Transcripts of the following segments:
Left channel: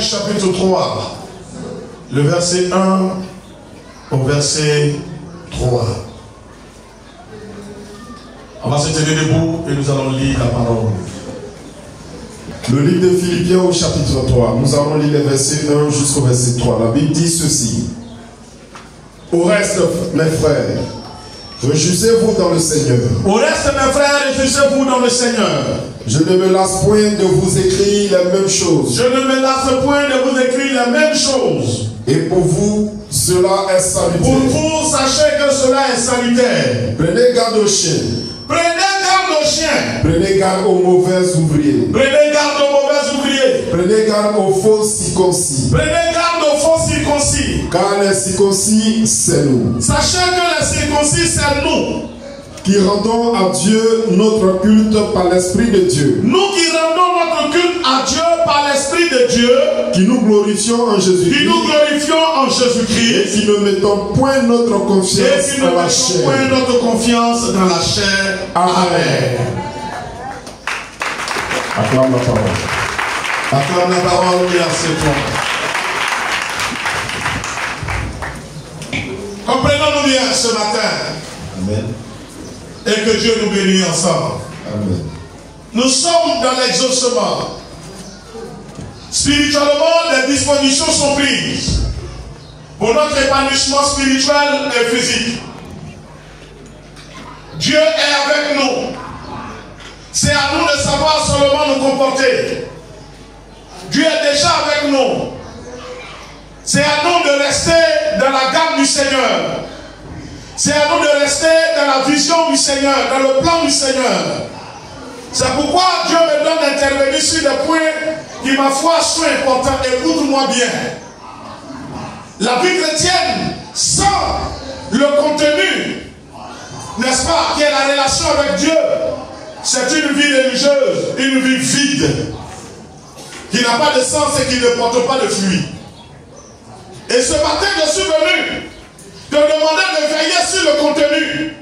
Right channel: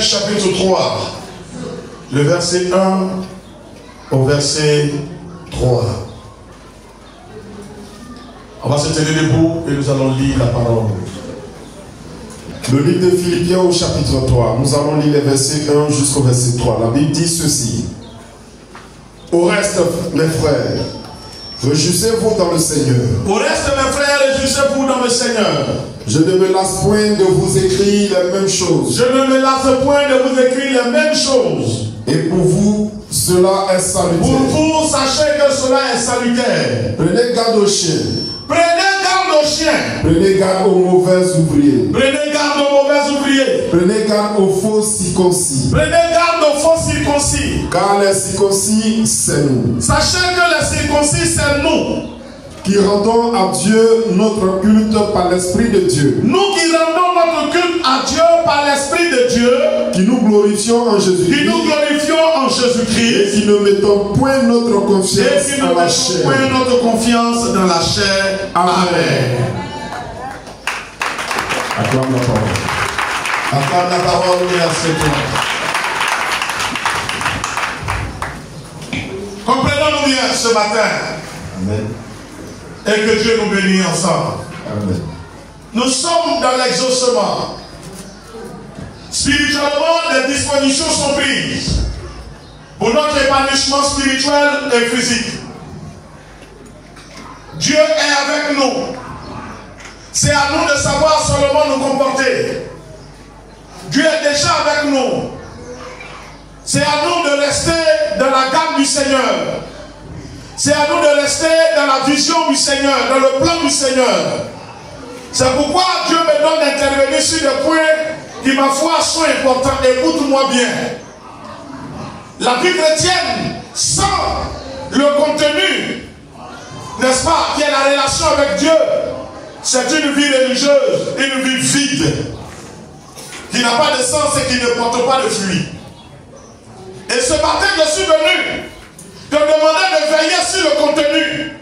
Chapitre 3, le verset 1 au verset 3. On va se tenir debout et nous allons lire la parole. Le livre de Philippiens au chapitre 3, nous allons lire les versets 1 jusqu'au verset 3. La Bible dit ceci. Au reste, mes frères, réjouissez-vous dans le Seigneur. Au reste, mes frères, réjouissez-vous dans le Seigneur. Je ne me lasse point de vous écrire les mêmes choses. Je ne me lasse point de vous écrire les mêmes choses. Et pour vous, cela est salutaire. Pour vous, sachez que cela est salutaire. Prenez garde aux chiens. Prenez garde aux chiens. Prenez garde aux mauvais ouvriers. Prenez garde aux mauvais ouvriers. Prenez garde aux faux circoncis. Prenez garde aux faux circoncis. Car les circoncis, c'est nous. Sachez que les circoncis, c'est nous. Qui rendons à Dieu notre culte par l'Esprit de Dieu. Nous qui rendons notre culte à Dieu par l'Esprit de Dieu. Qui nous glorifions en Jésus-Christ. Qui nous glorifions en Jésus-Christ. Et qui ne mettons point notre confiance dans la chair. Point notre confiance dans la chair. Amen. Acclame la parole. Acclame la parole et acceptons. Comprenons-nous bien ce matin. Amen. Et que Dieu nous bénisse ensemble. Amen. Nous sommes dans l'exaucement. Spirituellement, les dispositions sont prises pour notre épanouissement spirituel et physique. Dieu est avec nous. C'est à nous de savoir seulement nous comporter. Dieu est déjà avec nous. C'est à nous de rester dans la garde du Seigneur. C'est à nous de rester dans la vision du Seigneur, dans le plan du Seigneur. C'est pourquoi Dieu me donne d'intervenir sur des points qui, ma foi, sont importants. Écoute-moi bien. La vie chrétienne, sans le contenu, n'est-ce pas, qui est la relation avec Dieu, c'est une vie religieuse, une vie vide, qui n'a pas de sens et qui ne porte pas de fruits. Et ce matin, je suis venu te demander de veiller sur le contenu.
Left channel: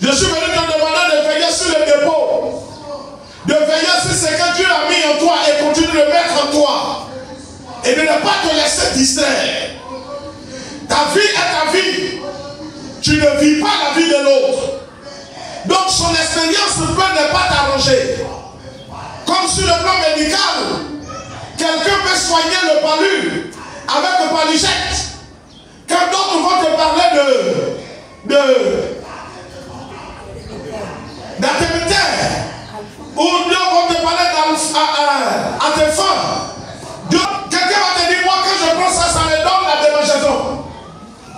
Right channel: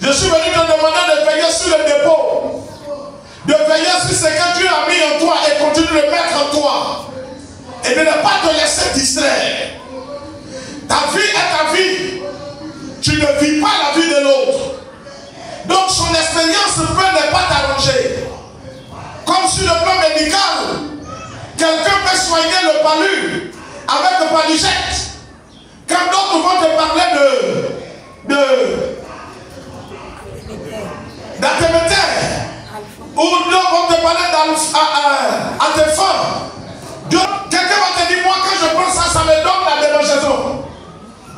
Je suis venu te demander de veiller sur le dépôt. De veiller sur ce que Dieu a mis en toi et continue de mettre en toi. Et de ne pas te laisser distraire. Ta vie est ta vie. Tu ne vis pas la vie de l'autre. Donc son expérience peut ne pas t'arranger. Comme sur le plan médical, quelqu'un peut soigner le palu avec le paligette. Quand d'autres vont te parler d'artémétière, ou d'autres vont te parler d'antéphone, quelqu'un va te dire, moi quand je prends ça, ça me donne la démangeaison.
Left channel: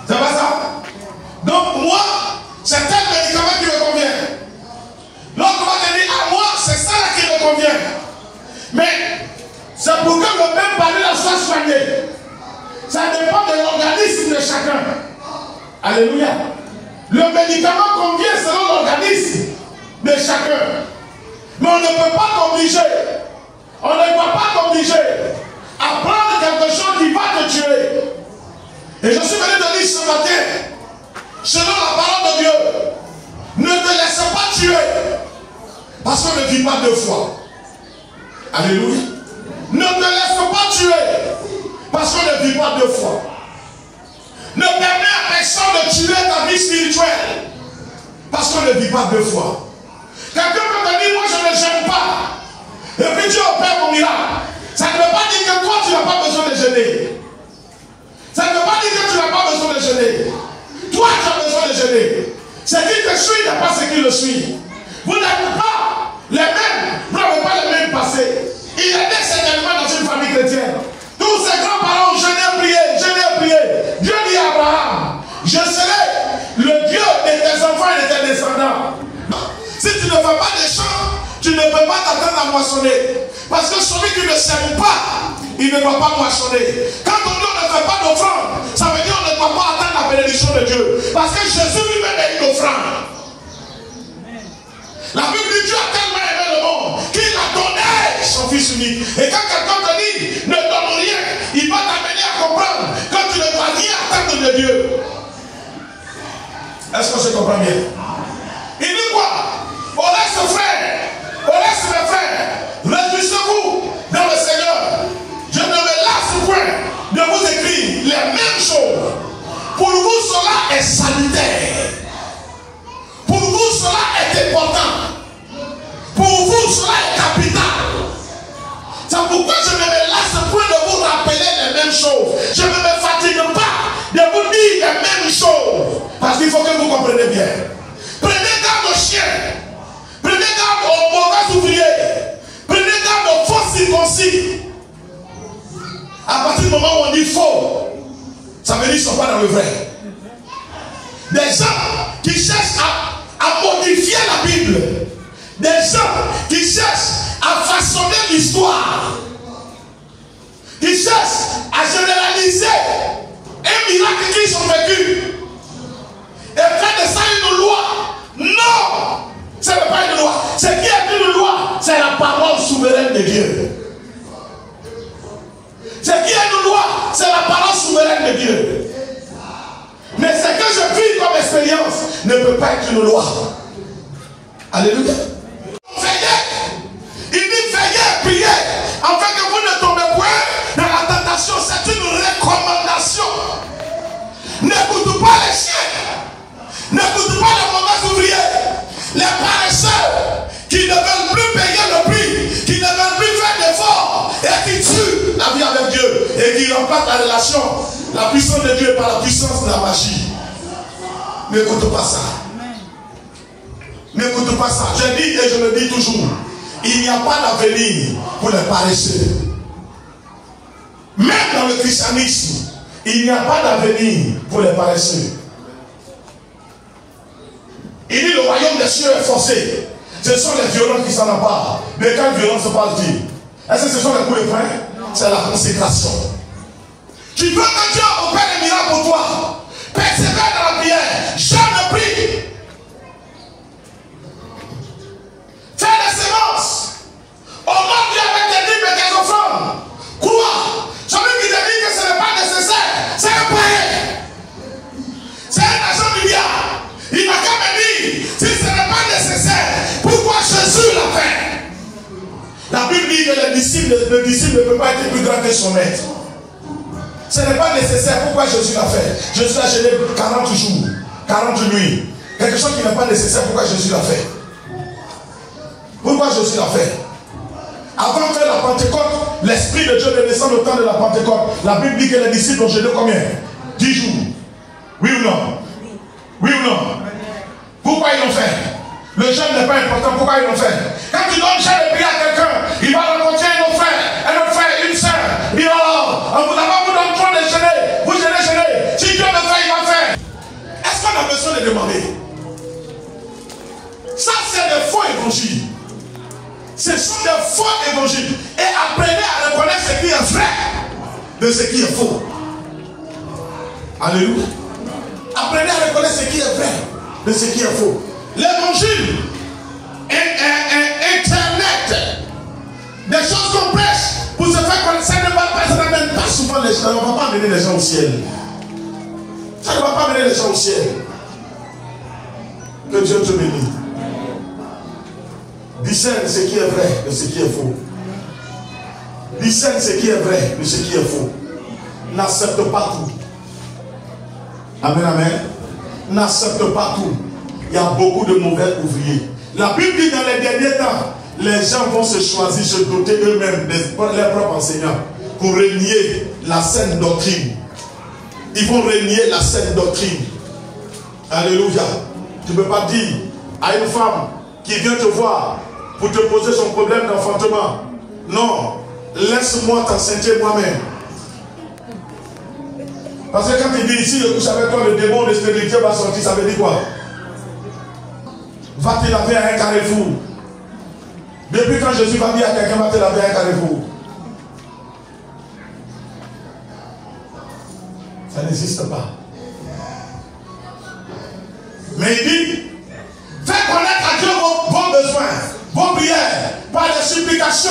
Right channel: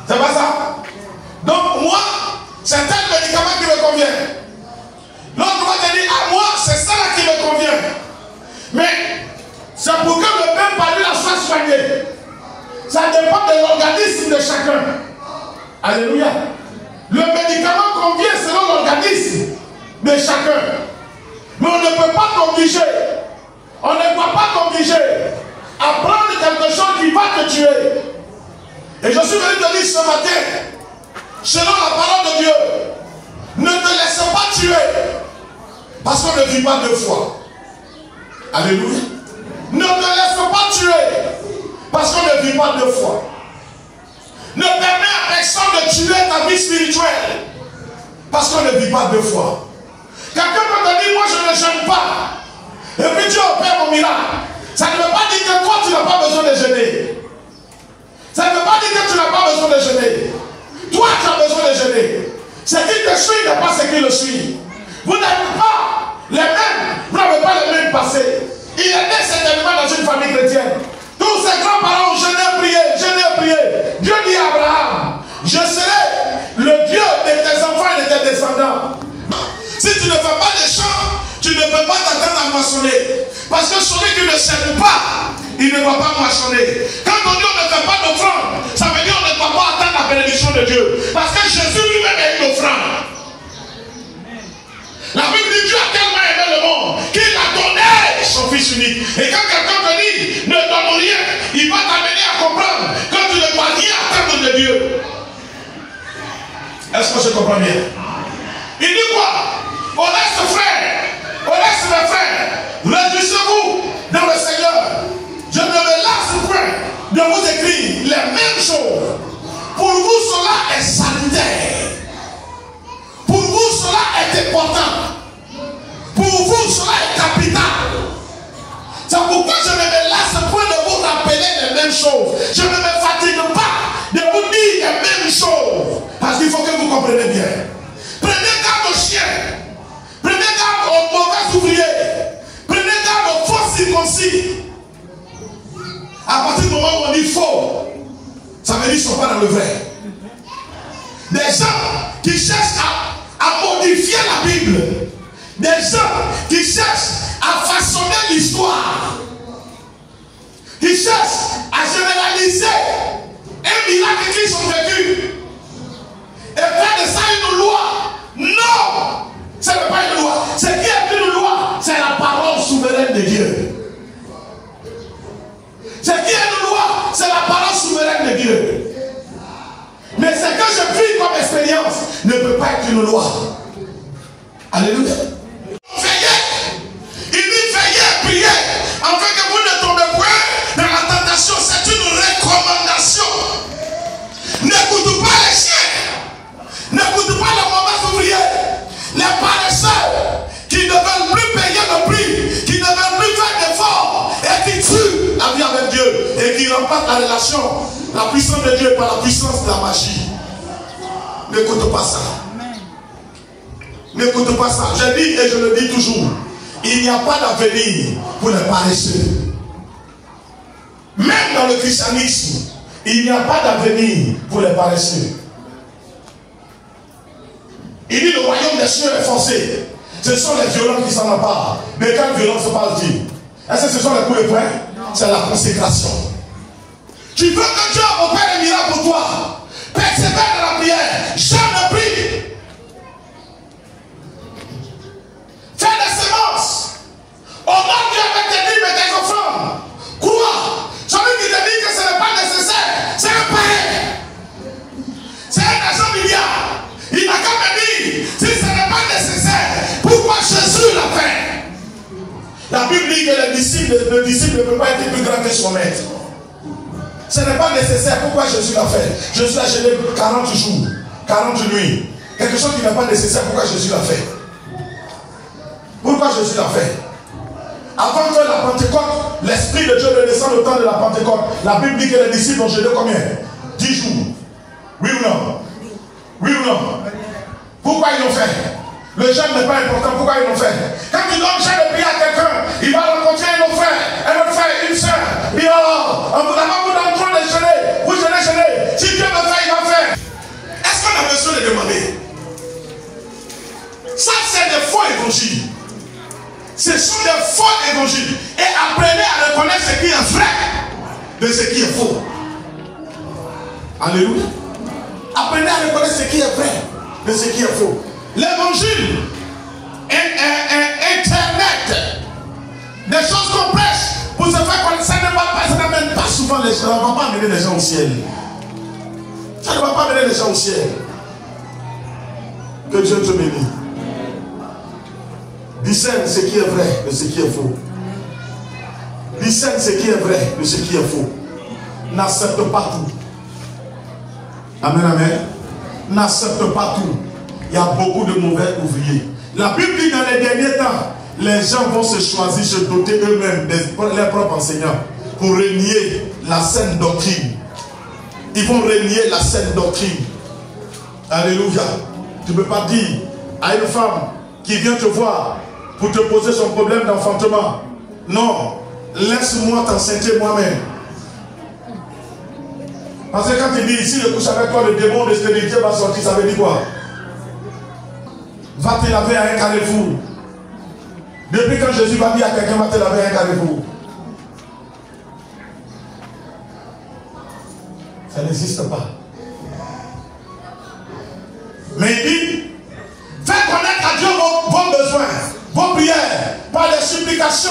C'est pas ça? Donc moi, c'est tel médicament qui me convient. L'autre va te dire, à moi, c'est ça qui me convient. Mais c'est pour que le même palu soit soigné. Ça dépend de l'organisme de chacun. Alléluia. Le médicament convient selon l'organisme de chacun. Mais on ne peut pas t'obliger. On ne va pas t'obliger à prendre quelque chose qui va te tuer. Et je suis venu te dire ce matin, selon la parole de Dieu, ne te laisse pas tuer. Parce qu'on ne vit pas deux fois. Alléluia. Ne te laisse pas tuer. Parce qu'on ne vit pas deux fois. Ne permets à personne de tuer ta vie spirituelle. Parce qu'on ne vit pas deux fois. Quelqu'un peut te dire, moi je ne jeûne pas. Et puis Dieu opère au miracle. Ça ne veut pas dire que toi tu n'as pas besoin de jeûner. Ça ne veut pas dire que tu n'as pas besoin de jeûner. Toi tu as besoin de jeûner. Ce qui te suit n'est pas ce qui le suit. Vous n'avez pas les mêmes, vous n'avez pas le même passé. Il est né certainement dans une famille chrétienne. Tous ses grands-parents, je n'ai prié. Dieu dit à Abraham, je serai le Dieu de tes enfants et de tes descendants. Si tu ne fais pas des chants, tu ne peux pas t'attendre à moissonner. Parce que celui qui ne sème pas, il ne va pas moissonner. Quand on dit on ne fait pas d'offrande, ça veut dire on ne doit pas atteindre la bénédiction de Dieu. Parce que Jésus lui-même est une offrande. La Bible dit Dieu a tellement aimé le monde qu'il a donné son Fils unique. Et quand quelqu'un te dit ne donne rien, il va t'amener à comprendre que tu ne vas rien attendre de Dieu. Est-ce que je comprends bien? Il dit quoi? Au reste, mes frères, réjouissez-vous dans le Seigneur. Je ne me lasse point de vous écrire les mêmes choses. Pour vous, cela est salutaire. Pour vous, cela est important. Pour vous, cela est capital. C'est pourquoi je ne me lasse point de vous rappeler les mêmes choses. Je ne me fatigue pas de vous dire les mêmes choses. Parce qu'il faut que vous compreniez bien. Prenez garde aux chiens. Prenez garde aux mauvais ouvriers. Prenez garde aux faux circoncis. À partir du moment où on dit faux, ça veut dire qu'ils ne sont pas dans le vrai. Des gens qui cherchent à modifier la Bible. Des gens qui cherchent à façonner l'histoire. Qui cherchent à généraliser un miracle qu'ils ont vécu. Et faire de ça une loi. Non! Ce n'est pas une loi. Ce qui est une loi, c'est la parole souveraine de Dieu. Ce qui est une loi, c'est la parole souveraine de Dieu. Mais ce que je vis comme expérience ne peut pas être une loi. Alléluia. Veillez. Il dit veillez, priez, afin que vous ne tombez point dans la tentation. C'est une recommandation. N'écoute pas les chiens. N'écoute pas les mauvais ouvriers. Les paresseux qui ne veulent plus payer le prix, qui ne veulent plus faire d'efforts et qui tuent la vie avec Dieu et qui remplacent la relation, la puissance de Dieu par la puissance de la magie. N'écoute pas ça. N'écoute pas ça. Je dis et je le dis toujours. Il n'y a pas d'avenir pour les paresseux. Même dans le christianisme, il n'y a pas d'avenir pour les paresseux. Il dit le royaume des cieux est forcé. Ce sont les violents qui s'en emparent. Mais quand violent se passe-t-il? Est-ce que ce sont les coups et poings? C'est la consécration. Tu veux que Dieu opère les miracles pour toi? Persévère dans la prière. Jamais prie. Fais des séances. Honore Dieu avec tes dîmes et tes offrandes. Crois. Celui qui te dit que ce n'est pas nécessaire, c'est un pareil. C'est un agent milliard. Il n'a qu'à me dire, si ce n'est pas nécessaire, pourquoi Jésus l'a fait? La Bible dit que le disciple ne peut pas être plus grand que son maître. Ce n'est pas nécessaire, pourquoi Jésus l'a fait? Jésus a gêné 40 jours, 40 nuits. Quelque chose qui n'est pas nécessaire, pourquoi Jésus l'a fait? Pourquoi Jésus l'a fait? Avant que la Pentecôte, l'Esprit de Dieu ne descende au temps de la Pentecôte, la Bible dit que les disciples ont gêné combien? 10 jours. Oui ou non? Oui ou non? Pourquoi ils l'ont fait? Le jeûne n'est pas important, pourquoi ils l'ont fait? Quand tu donnes jeûne et prier à quelqu'un, il va rencontrer un autre frère, une sœur. Et oh, on vous donne trop de jeûner. Vous jeûnez. Si Dieu le fait, il va faire. Est-ce qu'on a besoin de demander? Ça, c'est des faux évangiles. Ce sont des faux évangiles. Et apprenez à reconnaître ce qui est vrai de ce qui est faux. Alléluia. Apprenez à reconnaître ce qui est vrai de ce qui est faux. L'évangile, Internet, des choses complexes pour se faire connaître, ça n'amène pas souvent les gens. Ça ne va pas amener les gens au ciel. Ça ne va pas amener les gens au ciel. Que Dieu te bénisse. Discerne ce qui est vrai de ce qui est faux. Discerne ce qui est vrai de ce qui est faux. N'accepte pas tout. Amen, amen. N'accepte pas tout. Il y a beaucoup de mauvais ouvriers. La Bible dit dans les derniers temps, les gens vont se choisir, se doter eux-mêmes de leurs propres enseignants pour renier la saine doctrine. Ils vont renier la saine doctrine. Alléluia. Tu ne peux pas dire à une femme qui vient te voir pour te poser son problème d'enfantement, non, laisse-moi t'enseigner moi-même. Parce que quand il dit ici, je couche avec toi, le démon de stérilité va sortir, ça veut dire quoi? Va te laver à un carrefour. Depuis quand Jésus va dire à quelqu'un va te laver un carrefour. Ça n'existe pas. Mais il dit, faites connaître à Dieu vos besoins, vos prières, par les supplications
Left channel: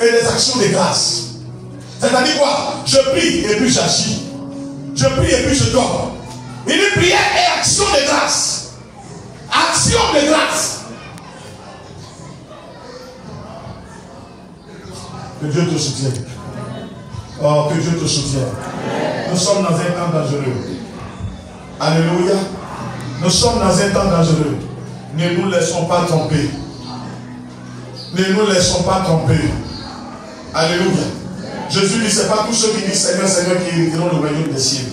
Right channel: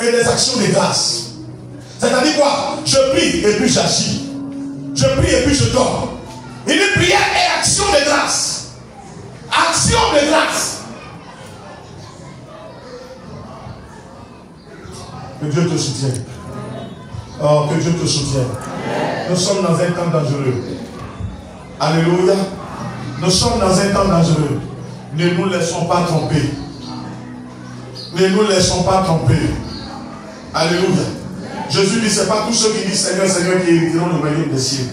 et les actions de grâce. C'est-à-dire quoi? Je prie et puis j'agis. Je prie et puis je dors. Il dit prière et action de grâce. Action de grâce. Que Dieu te soutienne. Oh, que Dieu te soutienne. Nous sommes dans un temps dangereux. Alléluia. Nous sommes dans un temps dangereux. Ne nous laissons pas tromper. Ne nous laissons pas tromper. Alléluia. Jésus dit, ce n'est pas tous ceux qui disent Seigneur, Seigneur qui hériteront le royaume des cieux.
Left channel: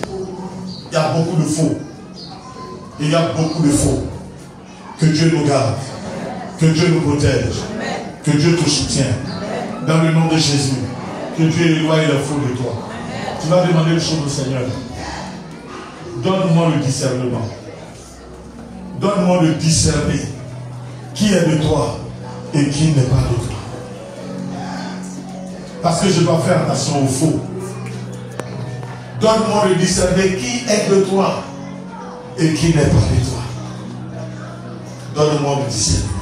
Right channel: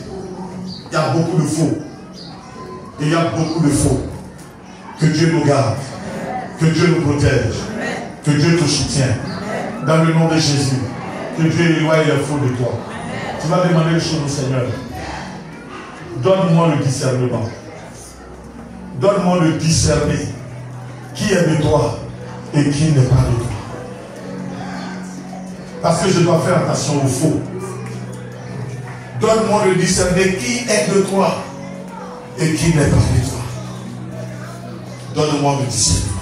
Il y a beaucoup de faux. Il y a beaucoup de faux. Que Dieu nous garde. Que Dieu nous protège. Que Dieu te soutienne. Dans le nom de Jésus. Que Dieu éloigne les faux de toi. Tu vas demander une chose au Seigneur. Donne-moi le discernement. Donne-moi le discerner. Qui est de toi et qui n'est pas de toi. Parce que je dois faire attention aux faux. Donne-moi le discerner qui est de toi et qui n'est pas de toi. Donne-moi le discernement.